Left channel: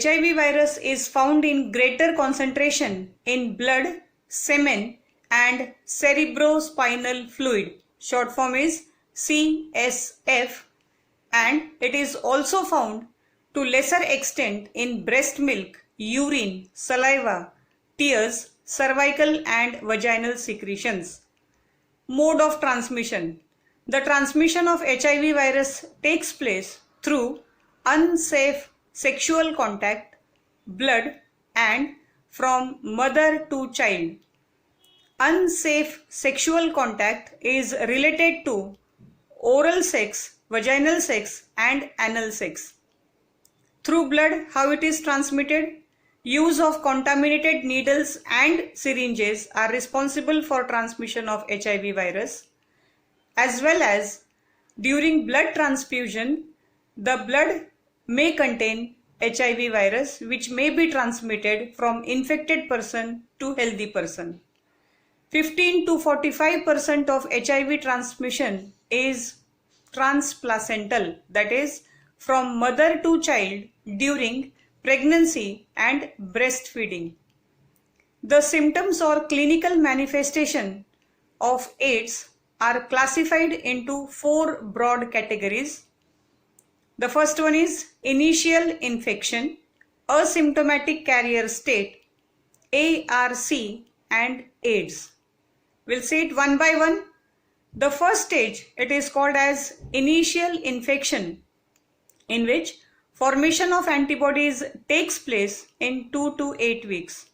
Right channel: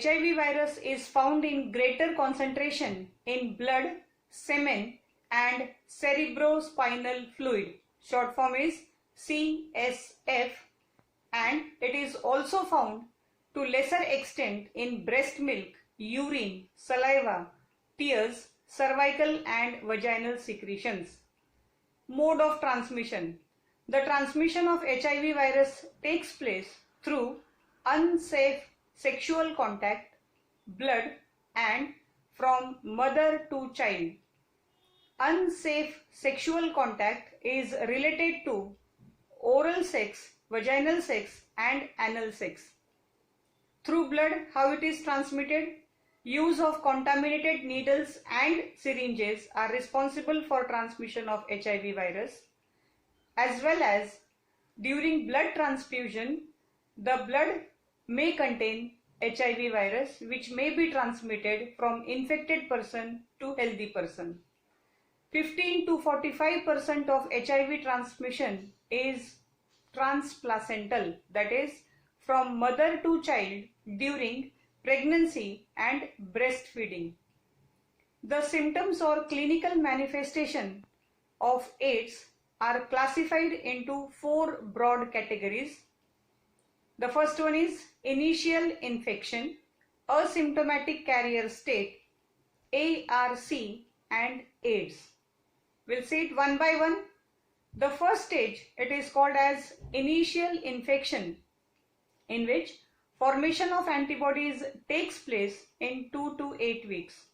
HIV virus is found in greater concentration in blood, semen and cerebrospinal fluid. Short form is CSF, and it is also found to lesser extent in breast milk, urine, saliva, tears, cervical and vaginal secretions. Mode of transmission. The transmission of HIV virus takes place through unsafe sexual contact, blood and from mother to child. Unsafe sexual contact is related to oral sex, vaginal sex and anal sex. Through blood, how it is transmitted? Use of contaminated needles and syringes are responsible for transmission of HIV virus, as well as during blood transfusion, the blood may contain HIV virus which may be transmitted from infected person to healthy person. 15 to 45% of HIV transmission is transplacental, that is from mother to child during pregnancy and breastfeeding. The symptoms or clinical manifestation of AIDS are classified into 4 broad categories. The first one is initial infection, asymptomatic carrier state, ARC and AIDS. We'll see it one by one. The first stage, it is called as initial infection, in which formation of antibodies takes place in 2 to 8 weeks.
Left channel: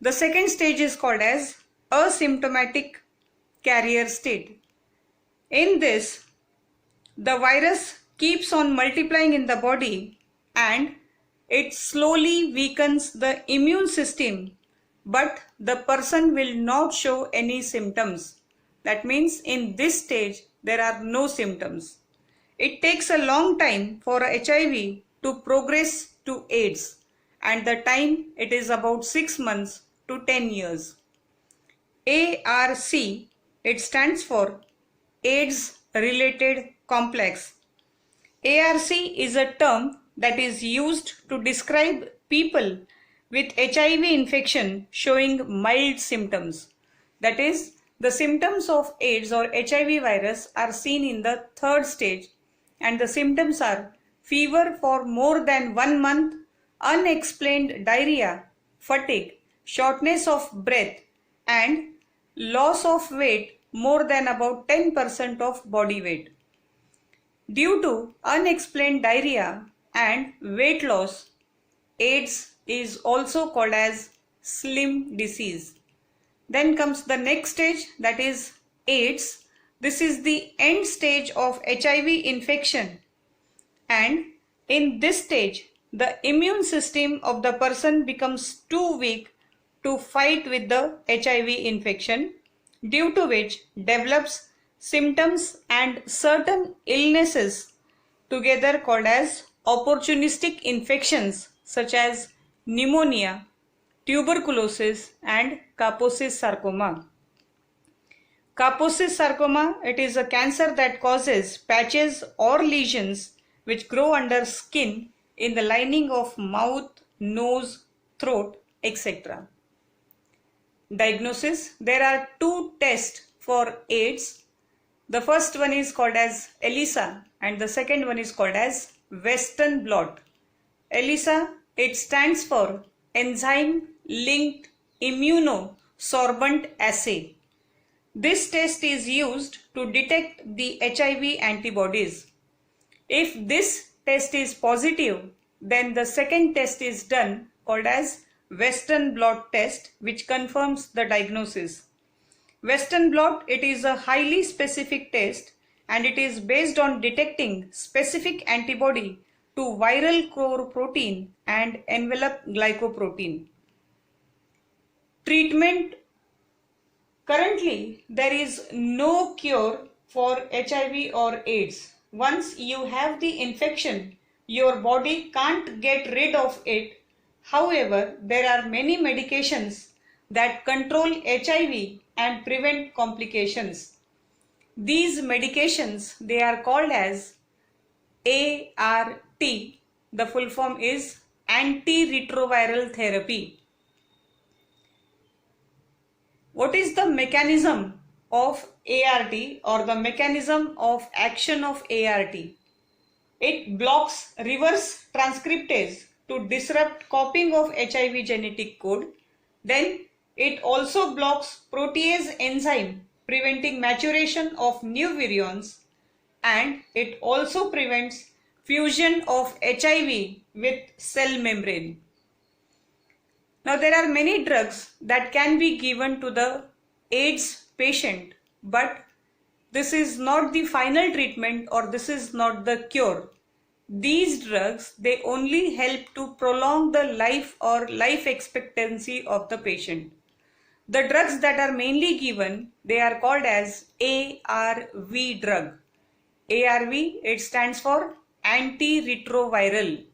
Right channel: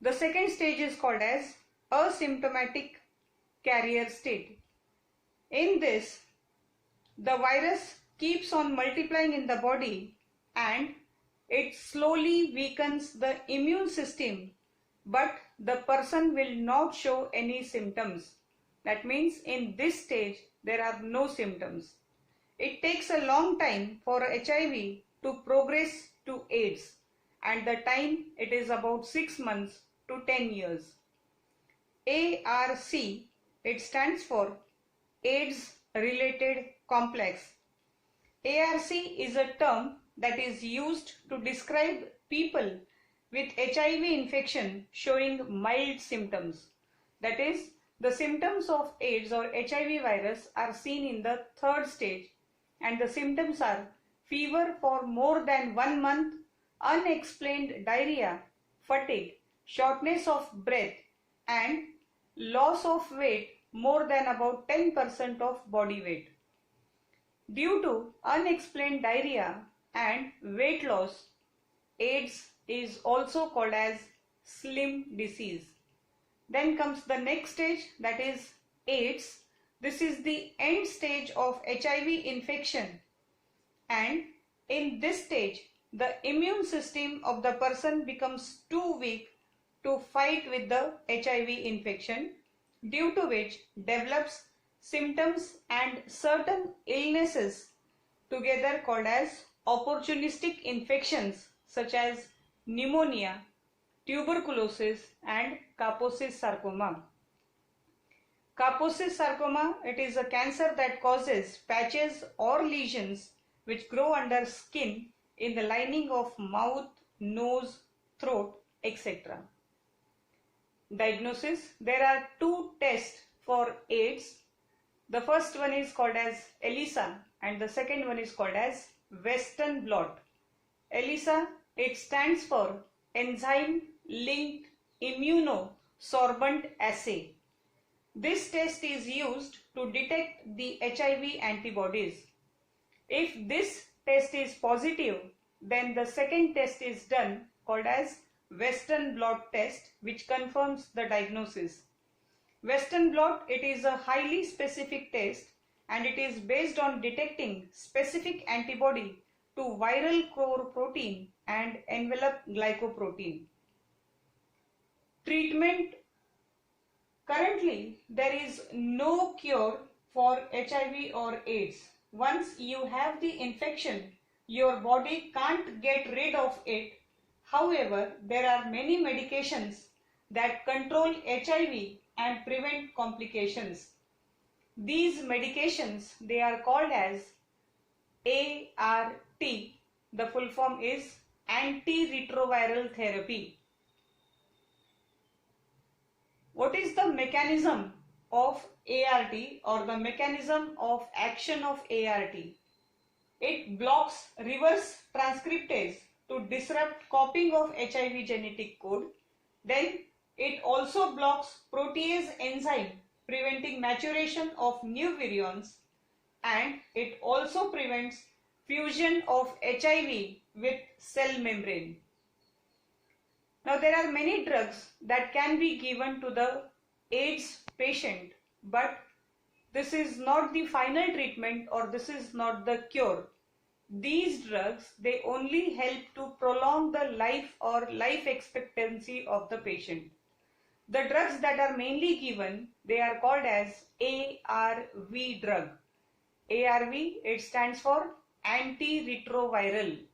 The second stage is called as asymptomatic carrier state. In this, the virus keeps on multiplying in the body and it slowly weakens the immune system, but the person will not show any symptoms. That means in this stage there are no symptoms. It takes a long time for HIV to progress to AIDS, and the time it is about 6 months to 10 years. ARC, it stands for AIDS related complex. ARC is a term that is used to describe people with HIV infection showing mild symptoms. That is, the symptoms of AIDS or HIV virus are seen in the third stage, and the symptoms are fever for more than 1 month, unexplained diarrhea, fatigue, shortness of breath and loss of weight more than about 10% of body weight. Due to unexplained diarrhea and weight loss, AIDS is also called as slim disease. Then comes the next stage, that is AIDS. This is the end stage of HIV infection, and in this stage the immune system of the person becomes too weak to fight with the HIV infection, due to which develops symptoms and certain illnesses together called as opportunistic infections such as pneumonia, tuberculosis and Kaposi sarcoma. Kaposi sarcoma, it is a cancer that causes patches or lesions which grow under skin in the lining of mouth, nose, throat, etc. Diagnosis. There are 2 tests for AIDS. The first one is called as ELISA and the second one is called as Western blot. ELISA, it stands for Enzyme Linked Immunosorbent Assay. This test is used to detect the HIV antibodies. If this test is positive, then the second test is done called as Western blot test, which confirms the diagnosis. Western blot, it is a highly specific test and it is based on detecting specific antibody to viral core protein and envelope glycoprotein. Treatment. Currently, there is no cure for HIV or AIDS. Once you have the infection, your body can't get rid of it. However, there are many medications that control HIV and prevent complications. These medications, they are called as ART. The full form is antiretroviral therapy. What is the mechanism of ART or the mechanism of action of ART? It blocks reverse transcriptase to disrupt copying of HIV genetic code. Then it also blocks protease enzyme, preventing maturation of new virions, and it also prevents fusion of HIV with cell membrane. Now there are many drugs that can be given to the AIDS patient, but this is not the final treatment or this is not the cure. These drugs, they only help to prolong the life or life expectancy of the patient. The drugs that are mainly given, they are called as ARV drug. ARV, it stands for antiretroviral.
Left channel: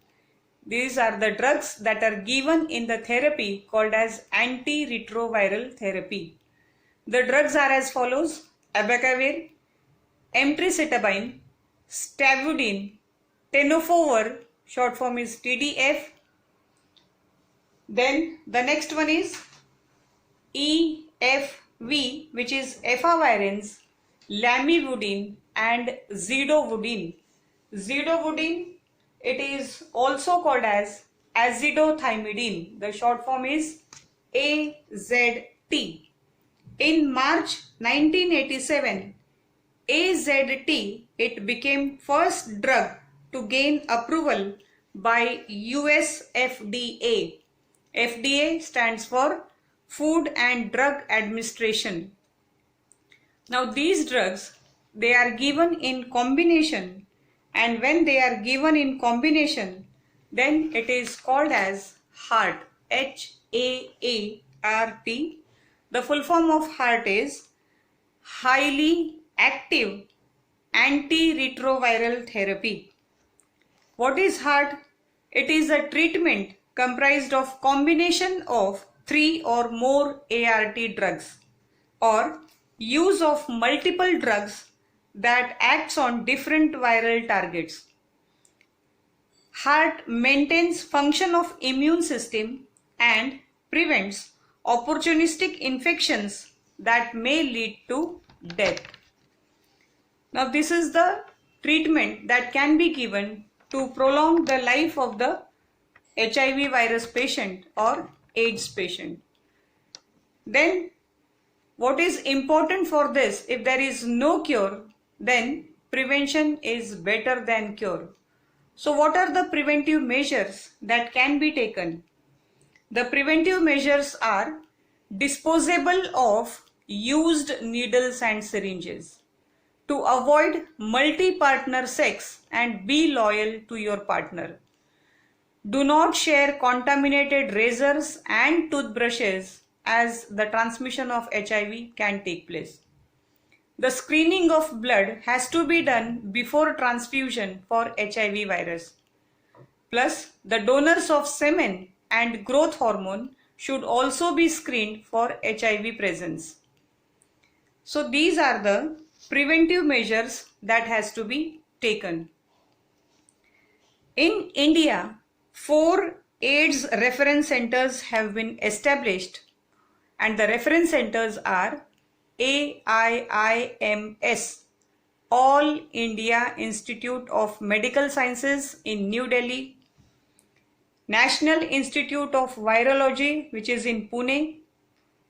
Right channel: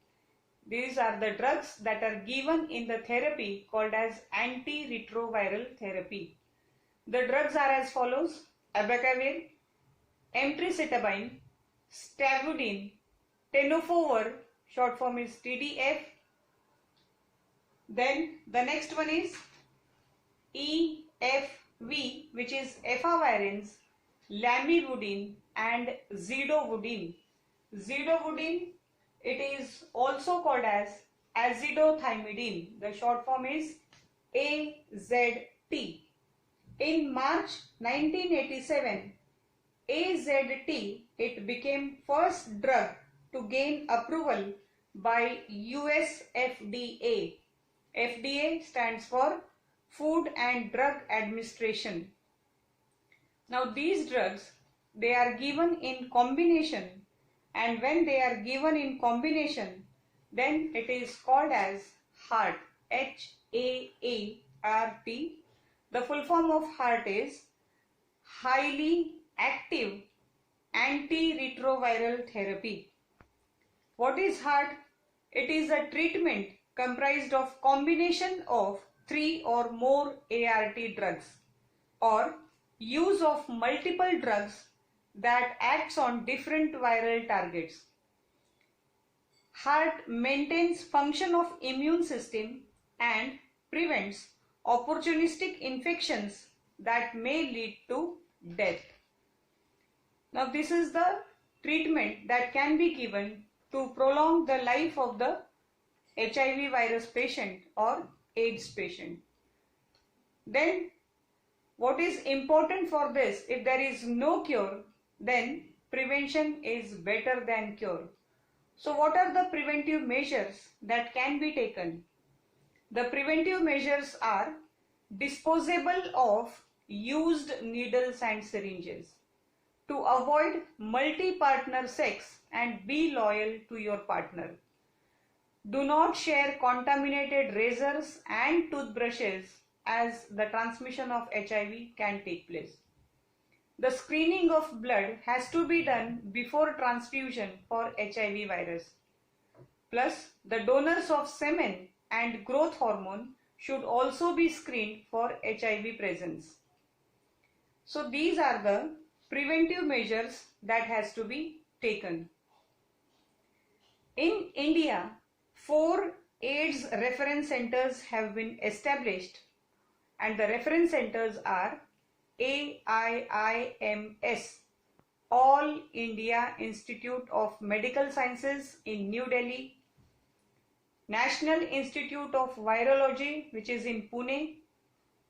These are the drugs that are given in the therapy called as antiretroviral therapy. The drugs are as follows: abacavir, emtricitabine, stavudine, tenofovir, short form is TDF. Then the next one is EFV, which is efavirenz, lamivudine and zidovudine. Zidovudine, it is also called as azithromycin. The short form is AZT. In March 1987, AZT, it became first drug to gain approval by US FDA. FDA stands for Food and Drug Administration. Now these drugs, they are given in combination, and when they are given in combination, then it is called as HAART, HAART. The full form of HAART is highly active antiretroviral therapy. What is HAART? It is a treatment comprised of combination of 3 or more ART drugs or use of multiple drugs that acts on different viral targets. HAART maintains function of immune system and prevents opportunistic infections that may lead to death. Now this is the treatment that can be given to prolong the life of the HIV virus patient or AIDS patient. Then what is important for this? If there is no cure, then prevention is better than cure. So what are the preventive measures that can be taken? The preventive measures are disposable of used needles and syringes, to avoid multi-partner sex and be loyal to your partner. Do not share contaminated razors and toothbrushes, as the transmission of HIV can take place. The screening of blood has to be done before transfusion for HIV virus. Plus, the donors of semen and growth hormone should also be screened for HIV presence. So these are the preventive measures that has to be taken. In India, 4 AIDS reference centers have been established, and the reference centers are AIIMS, All India Institute of Medical Sciences in New Delhi, National Institute of Virology, which is in Pune,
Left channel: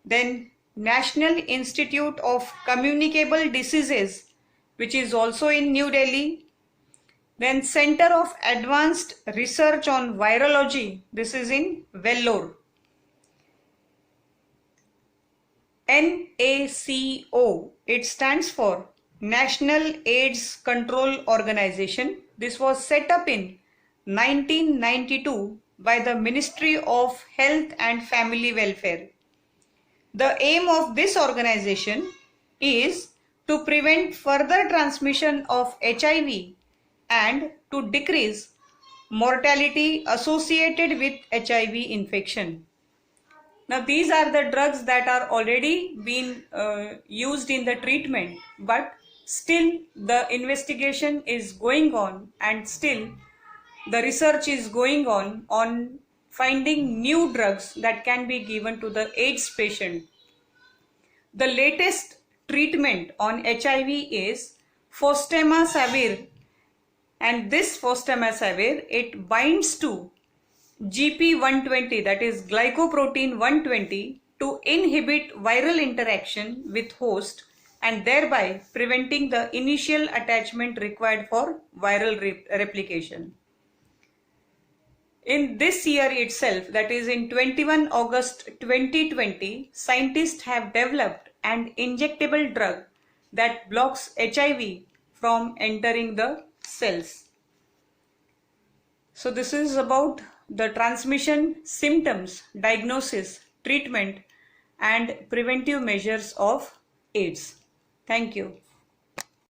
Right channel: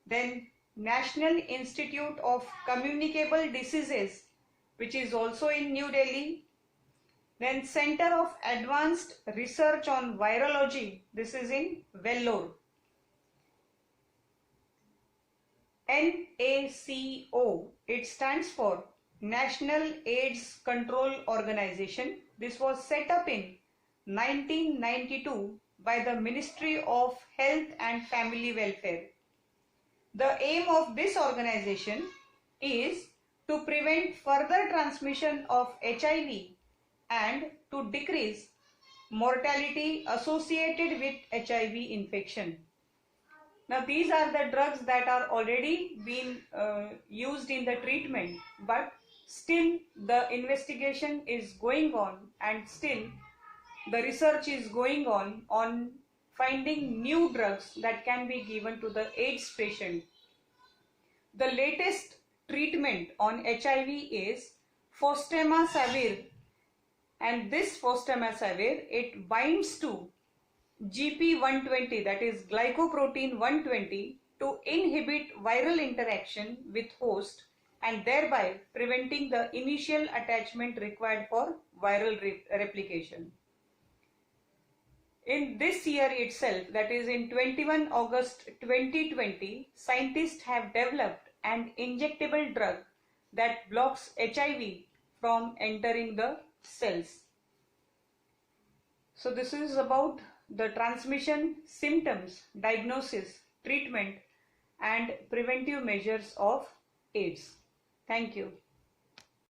then National Institute of Communicable Diseases, which is also in New Delhi, then Center of Advanced Research on Virology, this is in Vellore. NACO, it stands for National AIDS Control Organization. This was set up in 1992 by the Ministry of Health and Family Welfare. The aim of this organization is to prevent further transmission of HIV and to decrease mortality associated with HIV infection. Now these are the drugs that are already been used in the treatment, but still the investigation is going on, and still the research is going on finding new drugs that can be given to the AIDS patient. The latest treatment on HIV is fostemsavir, and this fostemsavir, it binds to GP120, that is glycoprotein 120, to inhibit viral interaction with host and thereby preventing the initial attachment required for viral replication. In this year itself, that is in 21 August 2020, scientists have developed an injectable drug that blocks HIV from entering the cells. So this is about the transmission, symptoms, diagnosis, treatment and preventive measures of AIDS. Thank you.